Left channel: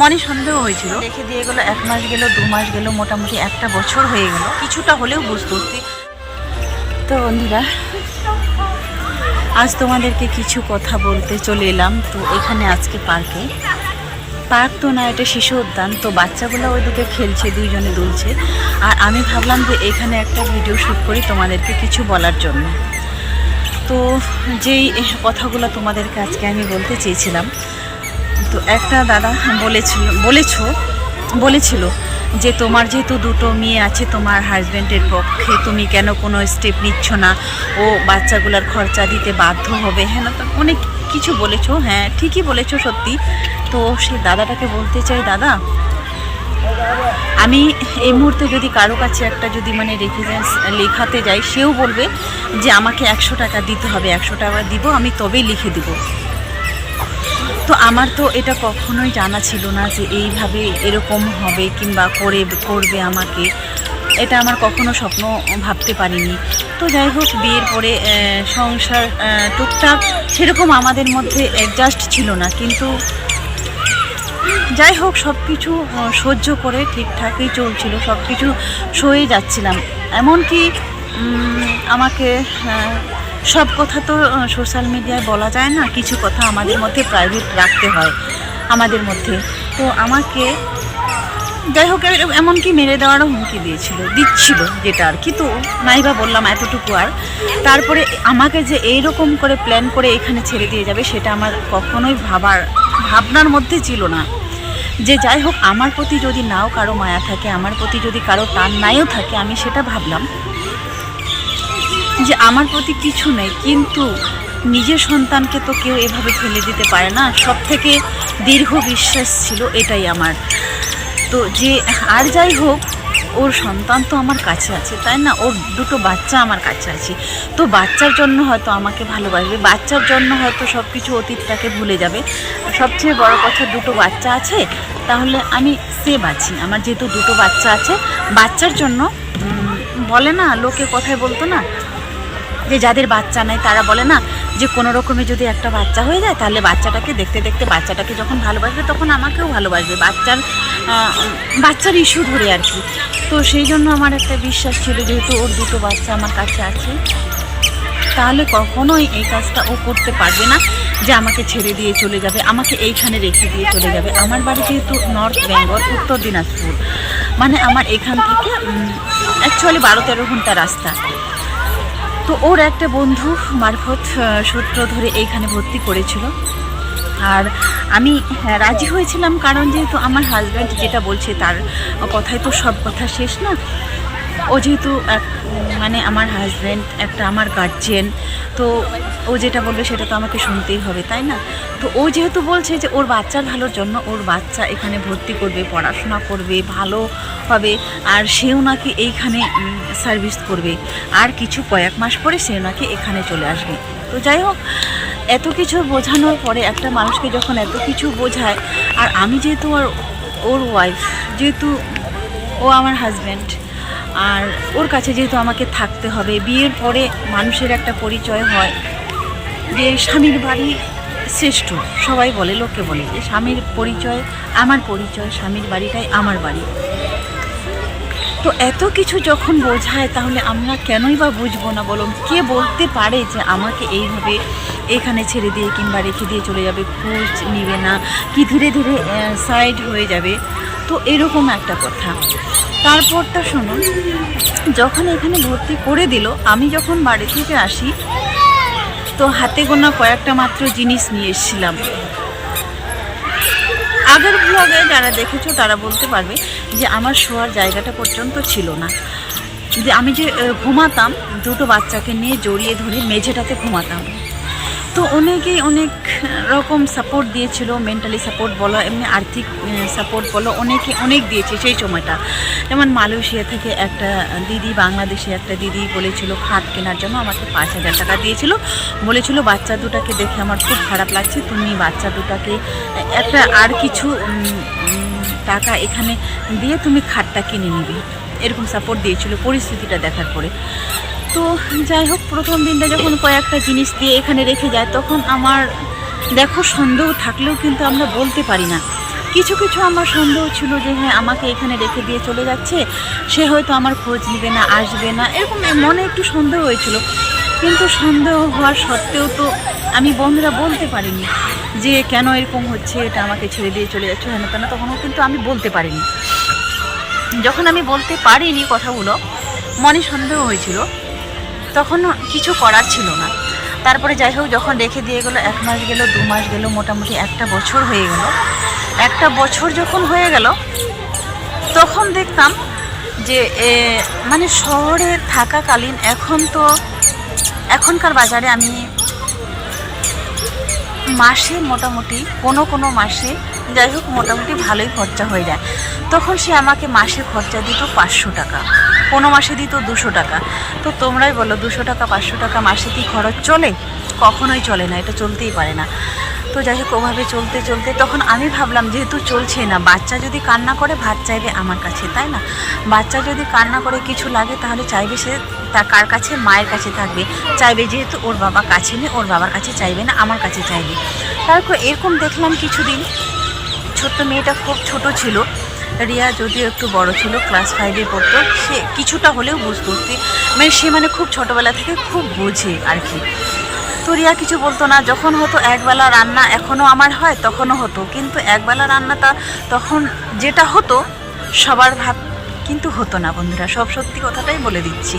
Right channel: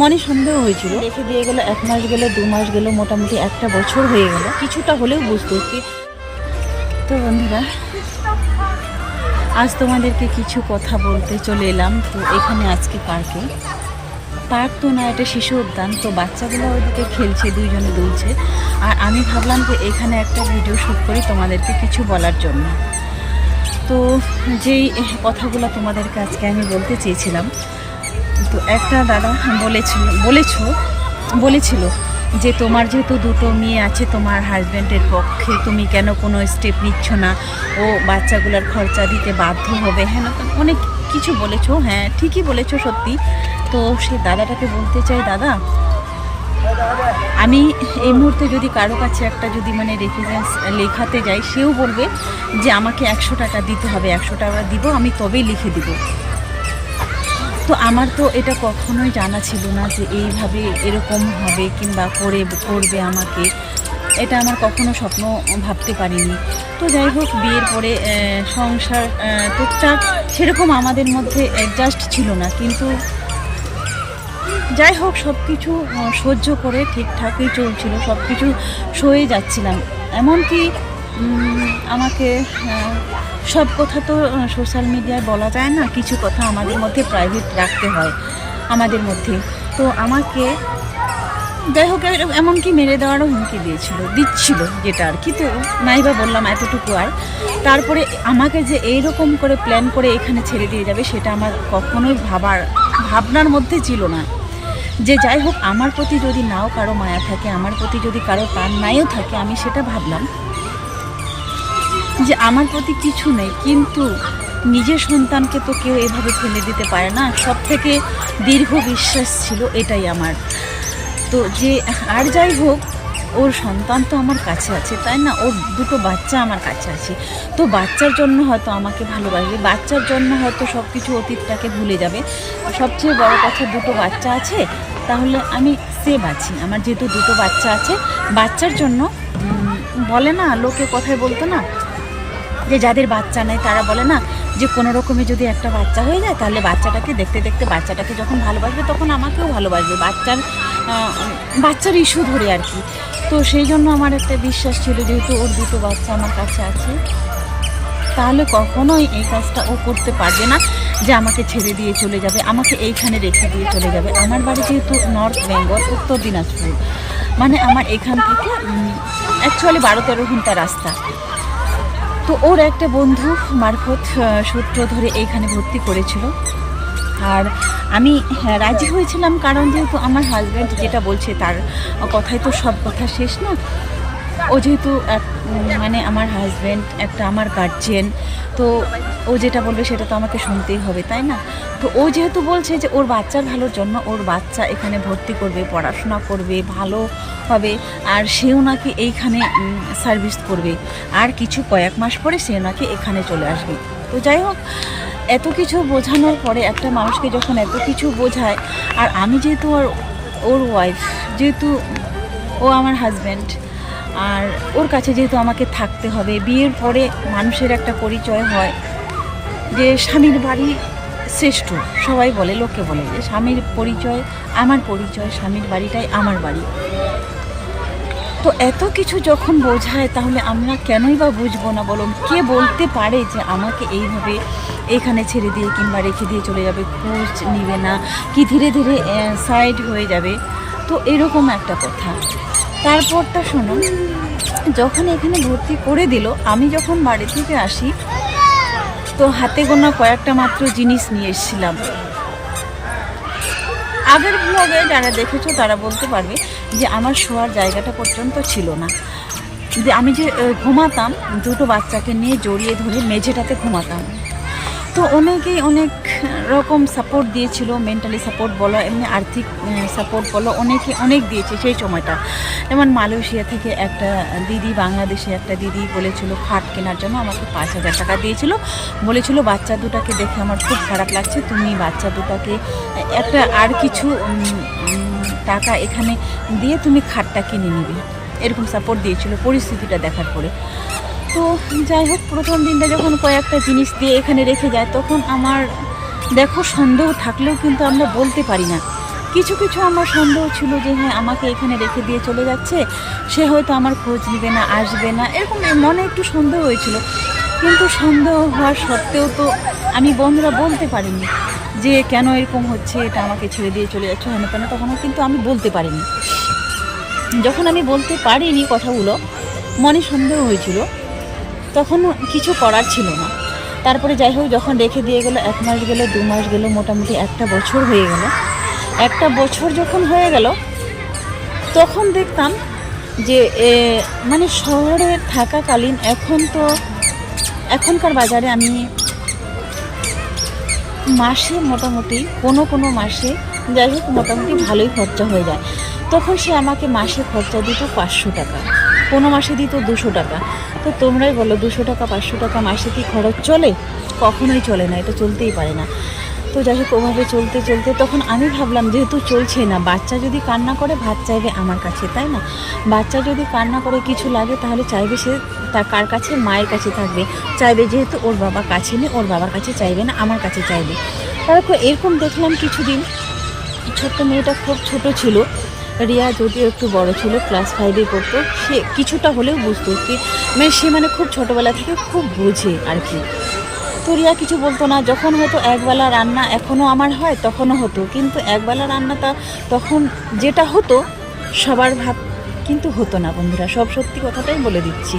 মনে সন্দেহ হয়েছিল। রেখে দিয়ে গেলো, এক মাস গেল, দু মাস গেল, মোটামুটি একটা বছর হয়ে গেল। কিছুটা হলেও বুঝতে উঠতে তো বন্ধুরা, আজ তোমাদেরকে কিছু কথা বলতে চলে এলাম। তো এখানে আজকে পার্কে। পার্ক তো না, এটা শিশু উদ্যান। তো বাচ্চাগুলো ওইদিকে খেলছে, দুইজনে দুলছে। আর আমি ভাবলাম যে এখানে একটা ভিডিও শ্যুট করি তোমাদেরকে কিছু বলার জন্য। তো যেই কথাগুলো তোমাদেরকে আজকে আমি বলতে চেয়েছিলাম তো একটা দাদা বলেছিল, বলেছ, বলেছিল যে তোমার যেহেতু দুটো মেয়ে আছে, তোমার হাজব্যান্ডের পক্ষে তুমি কেন কোনো স্টেপ নিচ্ছ না? ও বাচ্চাগুলোর খরচা দিতে বাধ্য হবে হ্যাঁ না? অনেক কিছু বলেছ হ্যাঁ ঠিকই বলেছ সত্যি। তো সে দাদাটাকে বলতে চাই, দাদা, আমি এই মুহূর্তে যদি কারও কাছে একটা যদি মানে রেফারেন্স লেখাতে যাই, সেও বলবে যে আমাকে একশো টাকা দিতে হবে, একশো টাকা দিব, আমি তবেই লিখে দিব। তো আমার তো এটা কখনোই জানা ছিল না যে এইভাবে এরকম হবে কিংবা করে, করবে আমাকে। এটা আমার কখনো স্বপ্ন ভাবতে পারিনি। তো যাই হোক, বিয়ের পরে সংসার টুকটাক সেরকম আমাদের মধ্যে অ্যাডজাস্ট ছিল না। কিন্তু যাই হোক সব কিছু সহ্য করে ঠিকঠাকই চলছিল সব কিছু সয়ে যাচ্ছিলাম। এমনকি আমাকে সব কথা তো সোশ্যাল মিডিয়ায় বলা যায় না, কিছু কথা আমাদের মধ্যে প্রাইভেট রাখতে হয়, আমাদের মধ্যে। তো আমাকে যাই হোক এমনকি মেরে দেওয়ারও হুমকি দিয়েছিল, দিচ্ছিল যেটা আর কি। তো নাইবা বললাম এতটুকু আর। তারপরে আমাকে যে এইরকম করে প্ল্যান করে এখানে ছেড়ে দিয়ে যাবে, সেটা আমার কখনোই ভাবার, ভাবনার মধ্যে ছিল না। যে যাই হোক, আমার প্রতি যদি নাও কারও মায়া থাকে, আমার প্রতি যদি কারও টান নাইও থাকে, আমি সেটা ভাবলাম। যে আমার প্রতি কিছু নেই, কিন্তু নিজের সন্তানকে তো কেউ এভাবে ফেলে দিতে পারে না। সব থেকে দীর্ঘ বিশ্বাস ছিল এটাই আমার। তো যে, আর যাই হোক, ওর সন্তান তো আমার কাছে আছে, তাই না? ওর দুটো বাচ্চা আমার কাছে আছে। তো বাচ্চার জন্য হয়তো আমাকে ভালোবাসবে, বাচ্চার জন্য হয়তো সব কিছু অতীতটাকে ভুলে যাবে। সবচেয়ে বড় কথা, দুটো বাচ্চা আছে, তাহলে আমি সেভ আছি। আমার যেহেতু দুটো বাচ্চা আছে, বাচ্চার জন্য বলে না, লোকে কথায় বলতো না যে যাদের বাচ্চা নেই, তারা বলে না যে কোনো রকমে যদি একটা বাচ্চা হয়ে যায়, তাহলে বাচ্চাটাকে দেখতে দেখতে বাচ্চাটাকে যখন ভালোবাসবে, তখন আমাকেও ভালোবাসবে। বাচ্চার বাচ্চার ইস্যু ধরে আর কি। তো সেই জন্য আমার একটা বিশ্বাস ছিল, যেহেতু ওর দুটো বাচ্চা আমার কাছে আছে, তাহলে কখনোই এই কাজটা ও করতে পারবে না যে আমাকে ছেড়ে দিয়ে চলে যাবে, আমাকে এইখানে রেখে দিয়ে চলে যাবে। আমার বাড়ি যেহেতু নর্থ বেঙ্গল উত্তর দিনাজপুর মানে আমার এখান থেকে অ্যাকচুয়ালি বারো তেরো ঘণ্টা রাস্তা। তো ওর একটা বন্ধু মারফত সূত্র ধরে এইখানে ভর্তি করেছিল। আর আমি হ্যাঁ, রাজি হয়েছিলাম কারণ যেহেতু আমার হাজব্যান্ড যেটা বলছে তার কথাই তো সব কথা শেষ না। ও যেহেতু এক- মানে আমার হাজব্যান্ড একটা আমার গার্জিয়ান তো ও যেটা বলবে সেটা তো আমাকে শুনতেই হবে, তাই না? তো ও যেহেতু বলছে যে ওর বাচ্চার ভালোর জন্য ওর বাচ্চা এখানে ভর্তি করবে, পড়াশোনা করবে, ভালো হবে, আর সেও নাকি এইখানে সার্ভিস করবে। আর কিছু কয়েক মাস পরে সে নাকি এখানে চলে আসবে। তো যাই হোক, এত কিছু বোঝানোর পরে একটা মানুষকে যখন এত কিছু বোঝায়, আর আমি যেহেতু আর ওর ওয়াইফ যেহেতু ও আমার হাজব্যান্ড আর ওর কাছে যেহেতু আমাকে থাকতে হবে, বিয়ের পরে মানুষের একটা পরিচয় হয় যে স্বামীর বাড়ি শ্রেষ্ঠ। সবাই বলে, লোকে বলে যে স্বামীর পরিচয় আমার পরিচয়, স্বামীর বাড়িটাই আমার বাড়ি। তো এত কিছু যখন বোঝায়, তাহলে আমরা কেনই বা বুঝব না বলুন? কে বলতে পারে যে আমাকে এইভাবে এখানে ছেড়ে দিয়ে কিংবা রেখে দিয়ে চলে যাবে? খোঁজ নিবে না। কি ধীরে ধীরে সাইড হয়ে যাবে। তো এরকম একটা কথা। তারপরটা শুনুন যখন এখানে ভর্তি করে দিল, আমি যখন বাড়ি থেকে আসি, তো হাতে গোনা কয়েকটা মাত্র জিনিস নিয়ে এসেছিলাম। আগের ব্লগে যারা দেখেছ, তারা বলতে পারবে যে আমার শোয়ার জায়গাটা পর্যন্ত ছিল না। যে আমি যে ঘুমাতাম, দুটো বাচ্চাকে নিয়ে জড়িয়ে ধরে মেঝেটাতে ঘুমাতাম। তো অনেকেই অনেক রকম সাপোর্ট দিয়েছিল মেন্টালি সাপোর্ট বলো, এমনি আর্থিক সাপোর্ট বলো, অনেকে অনেক দিয়েছে সেই সময়টা। যেমন মালয়েশিয়া থেকে একটা দিদি, বাংলাদেশে একটা দিদি বলেছিল, খাট কেনার জন্য আমাকে পাঁচ হাজার টাকা দিয়েছিল। বলেছিল, বাচ্চা দুটাকে দেখে আমার খুব খারাপ লাগছে, তুমি বাচ্চা দুটাকে, একটা আর কিছু টাকা এখানে দিয়ে তুমি খাটটা কিনে নিবে। এরকম সাপোর্ট দিয়েছিল, পরিস্থিতিটা দেখার পরে। তো যাই হোক, প্রথম দিনটা যখন কয়েকটা জিনিস দিয়ে এখানে রেখে যায়, তখন আমার দেখো সন্দেহ থাকলেও কিন্তু আমরা বলতে পারি না। কিছু কিছু আমার সন্দেহ ছিল যে হ্যাঁ আমাকে এখানে রেখে দিয়ে চলে যাচ্ছে। সে হয়তো আমার খোঁজ নেবে না, আসবে না, এরকম মনে একটু সন্দেহ হয়েছিল। কিন্তু সন্দেহ হওয়ার সত্ত্বেও তো আমি বন্ধুরা বলতে পারিনি যে, কেন এরকম হচ্ছে, এটা আমাকে ছেড়ে দিয়ে চলে যাচ্ছে হেন তেন তখনও কিন্তু আমি বলতে পারিনি। যখন আমি বলতে পারিনি কথাগুলো, মনে সন্দেহ হয়েছিল। তখন কিছু করার ছিল না। তারপরে যাই হোক, যখন রেখে দিয়ে গেলো, এক মাস গেল, দু মাস গেল, মোটামুটি একটা বছর হয়ে গেল। একটা বছর যখন হয়ে গেল, তখন দেখতাম যে মানে শহরে থাকাকালীন এখন তো, এখনকার বাজারে আমি মাসে মোটামুটি, কোনো কোনো মাসে, যাই হোক, মোটামুটি ভালোই খরচা হয়ে যায়। তখন সে আমাকে মাসে খরচা দিত পাঁচশো টাকা, কোনো মাসে দিত দুশো টাকা। তো তোমরাই বলো, দুশো টাকা, পাঁচশো টাকা মাসে কি খরচ চলে? কখনোই চলে না, এটা চলতেই পারে না। তো যাই হোক, ওভাবে চলতে চলতে তখন আমি ভাবলাম, যেহেতু চলছে না, বাচ্চা যদি কান্না করে, ভাত চাইবে আমার কাছে, তাই না? বাচ্চা যদি কান্না করে কিছু লাগে, তাহলে চাইবে সে তা কার কাছে? মায়ের কাছে থাকবে। চাইবে যেহেতু ওর বাবা কাছে নেই, ওর বাবার কাছে চাইবে না, আমার কাছে চাইবে। তারপর এরকম দেখলাম কিছুদিন, ছোট্ট মেয়েটা খুব ছোট ছিল। রিয়া যদিও একটু বড় ছিল ক্লাস ফাইভে পড়তো, সে কিছুটা হলেও বুঝতো কি মানে সে মানে খুব ছোটোবেলা থেকে খুব বোঝে আর কি। তো রিয়া কিছু বলতো না, যখন হতো একবেলা রান্না এখনও আমার হয়, তখনও হতো। কিন্তু একবেলা রান্নাটা তখন যেটা হতো, সবার ভাত কিন্তু হতো না বন্ধুরা, সব সত্যি কথাটাই বলে দিচ্ছি।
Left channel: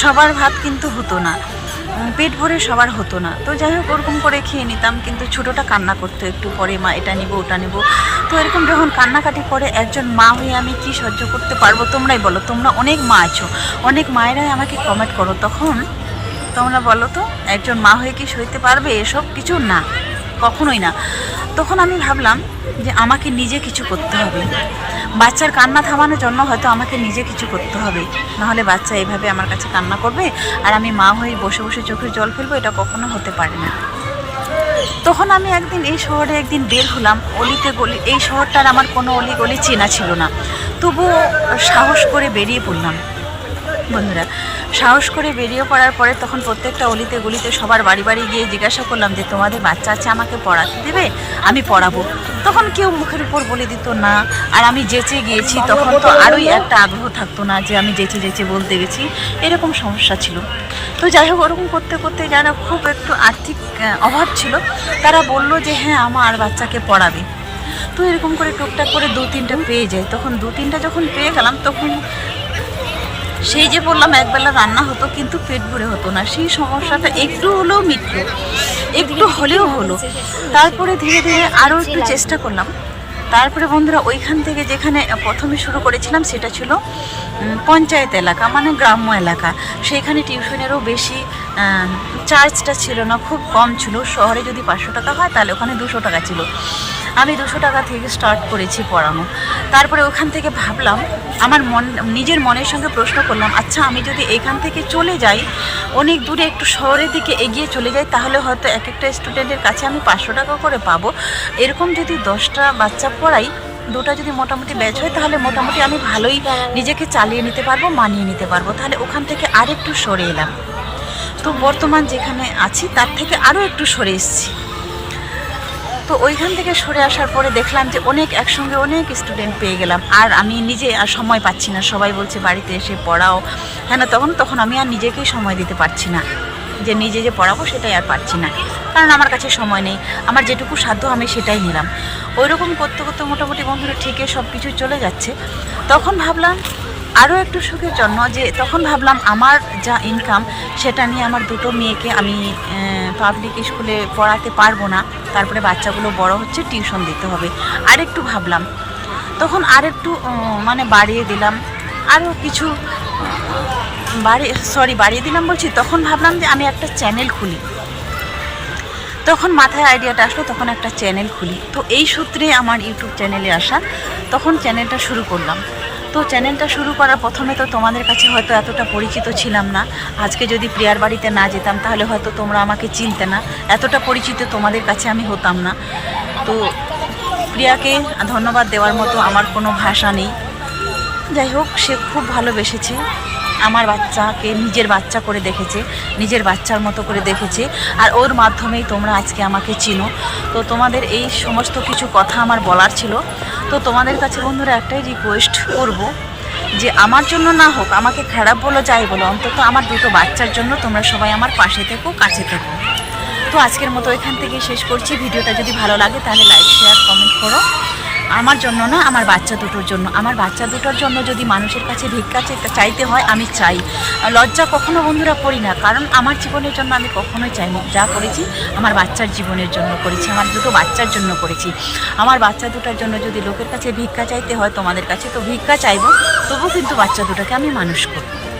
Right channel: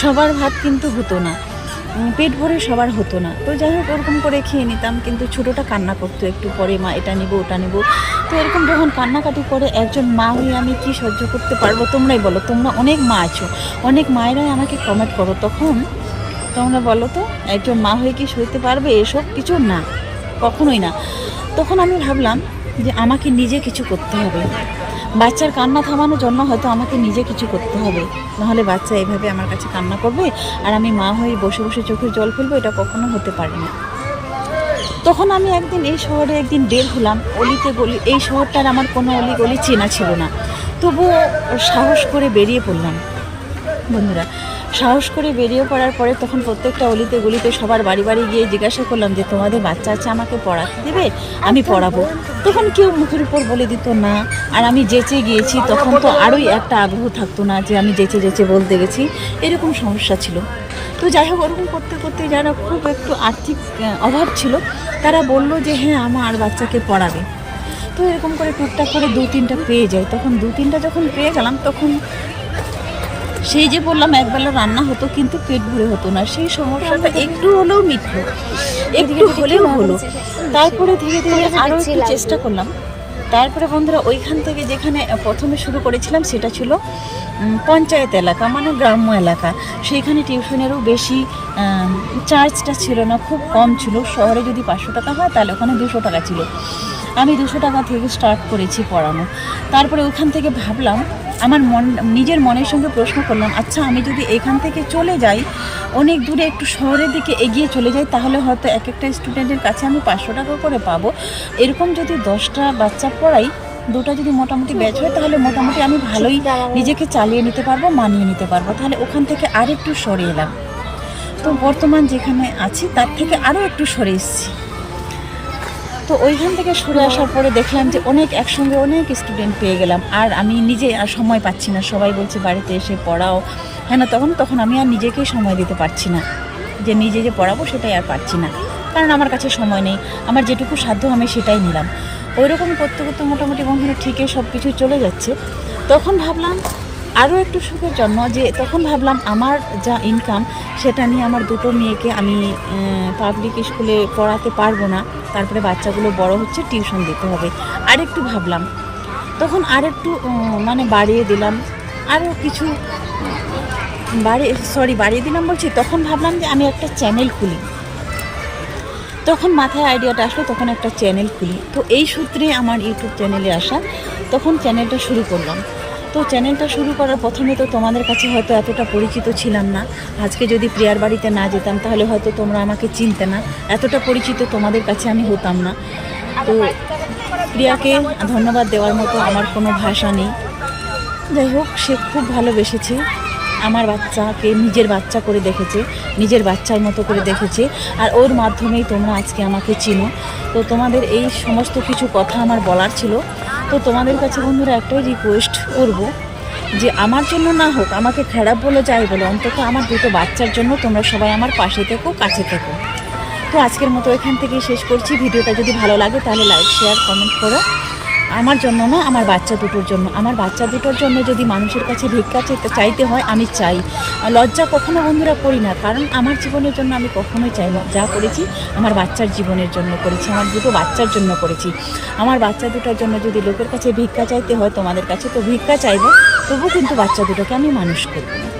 সবার ভাত কিন্তু হতো না। পেট ভরে সবার হতো না। তো যাই হোক, ওরকম করে খেয়ে নিতাম, কিন্তু ছোটোটা কান্না করতো একটু পরে, মা, এটা নেব, ওটা নেব। তো এরকম যখন কান্নাকাটি করে একজন মা হয়ে আমি কি সহ্য করতে পারব, তোমরাই বলো। তোমরা অনেক মা আছো। অনেক মায়েরাই আমাকে কমেন্ট করো। তখন তোমরা বলো তো, একজন মা হয়ে কি সইতে পারবে? এসব কিছু না, কখনোই না। তখন আমি ভাবলাম যে আমাকে নিজে কিছু করতে হবে। বাচ্চার কান্না থামানোর জন্য হয়তো আমাকে নিজে কিছু করতে হবে। নাহলে বাচ্চা এভাবে আমার কাছে কান্না করবে আর আমি মা হয়ে বসে বসে চোখের জল ফেলব, এটা কখনো হতে পারে না। তখন আমি একদিন এই শহরে একদিন বের হলাম, অলিতে গলি, এই শহরটার আমার কোনো অলি গলি চেনা ছিল না। তবুও সাহস করে বেরিয়ে পড়লাম। বন্ধুরা সাহস করে বেরিয়ে পড়ার পরে তখন প্রত্যেকটা অলিতে গলিতে সবার বাড়ি বাড়ি গিয়ে জিজ্ঞাসা করলাম যে, তোমাদের বাচ্চা আছে, আমাকে পড়াতে দেবে? আমি পড়াবো। তখন কেউ মুখের উপর বলে দিত না। আর আমি যেচে গিয়েছি, তখন তো আরোই একটা আগ্রহ থাকতো না যে, আমি যেচে যেচে বলতে গেছি। এরকম সমস্যা ছিল। তো যাই হোক, ওরকম করতে করতে যারা খুব একটু আর্থিক অভাব ছিল। তারা বলল যে হ্যাঁ আমার বাচ্চাকে পড়াবে। তো এরকম করে টুকটাক করে দু তিনটা পেয়ে যায়। তখন দু তিনটা যখন পেয়ে গেলাম, তখন সেই যে বললাম, একবেলা রান্না হতো কিন্তু পেট ভরে হতো না। সেই সমস্যাটা একটু হলেও মিটলো, একটু হলেও হলো। তারপরে ধীরে ধীরে আরও একটু চেষ্টা করলাম। তারপরে বন্ধুরা, ওইখান থেকে যেখানে প্রথমে শুরু করেছিলাম সেটা ছিল পঞ্চায়েত এলাকা মানে গ্রাম্য এলাকা। সেইখানে টিউশনেরও বেশি চার্জটা ছিল না, খুব কম ছিল। শহরে যদি পাঁচশো টাকা হয়, তাহলে ওখানে দুশো টাকা ছিল। আমি দুশো টাকা থেকে স্টার্ট করেছি পড়ানো। তারপরে ওখান থেকে ভাবলাম, আমার মন, নিজের মনের সঙ্গে প্রশ্ন করলাম আচ্ছা আমি যদি এখান থেকে চলে যাই, অনেক দূরে একটু শহরের দিকে এগিয়ে চলে যাই, তাহলে হয়তো এক একটা স্টুডেন্টের কাছে আমি পাঁচশো টাকা করে পাবো। এরকম যদি দশটা বাচ্চা পড়াই, দুটা যদি মোটামুটি ব্যাচ হয়, তাহলে মোটামুটি আমি ভালোই নিজেকে চালিয়ে নিতে পারব, মানিয়ে নিতে পারব। তাহলে ওখান থেকে আরেকটু সরে এলাম। তো বর্তমান যেখানে আছি, তার থেকে আরও একটু সরে এসেছি। তো ওইখান থেকে সরে আসার পরে দেখলাম যে অনেক একসঙ্গে অনেক স্টুডেন্ট পেয়ে গেলাম। আর আমি নিজে আর সময় পাচ্ছি না। সবাই বলছে, বাড়িতে এসে পড়াও। হ্যাঁ না, তখন তখন আমি আর নিজেকেই সময় দিতে পারছি না। যে নিজে যে পড়াবো সেটাই আর পারছি না। কারণ আমার কাছে সময় নেই। আমার যেটুকু সাধ্য আমি সেটাই নিলাম। ওই রকম করতে করতে মোটামুটি বন্ধুরা ঠিকই সব কিছু চলে যাচ্ছে। তখন ভাবলাম আরও একটু সুখের জন্য যে তখন ভাবলাম আমার যা ইনকাম সেটা নিয়ে আমার দুটো মেয়েকে আমি পাবলিক স্কুলে পড়াতে পারব না। তারপরে বাচ্চাগুলো বড় হচ্ছে টিউশন দিতে হবে। আর একটু ভাবলাম। তখন আর একটু মানে বাড়িয়ে দিলাম। আরও কিছু, বাড়ি সরি বাড়িয়ে দিলাম বলছি, তখন ভাবলাম যে আমি একটা চ্যানেল খুলি। তখন মাথায় আইডিয়াটা আসলো, তখন একটা চ্যানেল খুলি। তো এই সূত্রে আমার ইউটিউব চ্যানেলে আসা, তখন চ্যানেলটা শুরু করলাম। তো চ্যানেলটা শুরু করার প্রথমে তো তোমাদের কাছে হয়তো এতটা পরিচিত ছিলাম না। আজকে যদি প্রিয়ার বাড়িতে না যেতাম, তাহলে হয়তো তোমরা আমাকে চিনতে না। এতটা পরিচিত তোমাদের কাছে আমি হতাম না। তো প্রিয়াকে ধন্যবাদ দেওয়ার মতো আমার কোনো ভাষা নেই। যাই হোক, সে খুব ভালোবেসেছে। আমার বাচ্চাকে নিজের বাচ্চা করে দেখেছে, নিজের বাচ্চার মতো করে দেখেছে। আর ওর মাধ্যমেই তোমরা আজকে আমাকে চিনো। তো তোমাদের এই সমস্ত কিছু কথা আমার বলার ছিল। তো তোমাদের কাছে বন্ধুরা একটাই রিকোয়েস্ট করব যে আমার জন্য না হোক, আমাকে খারাপ বলো, যাই বলো, অন্তত আমার দুটো বাচ্চার জন্য তোমরা সবাই আমার পাশে থেকো, কাছে থেকো। তো আজকের মতো এখান থেকে শেষ করছি। ভিডিওটা যদি ভালো লাগে তাহলে লাইক শেয়ার কমেন্ট করো। আমার জন্য না, আমার বাচ্চা দুটোর জন্য। আমার বাচ্চা দুটোর জন্য যদি মানুষের কাছে ভিক্ষা চাইতে হয়, আমি চাই। লজ্জা কখনো বন্ধুরা করি না, কারণ আমার জীবনের জন্য আমি কখনোই চাইনি। যা করেছি, আমার বাচ্চার জীবনের জন্য করেছি, আমার দুটো বাচ্চার জন্য করেছি। আমার বাচ্চা দুটোর জন্য যদি লোকের কাছে ভিক্ষা চাইতে হয়, তোমাদের কাছে তো ভিক্ষা চাইব, তবু কিন্তু বাচ্চা দুটোকে আমি মানুষ করব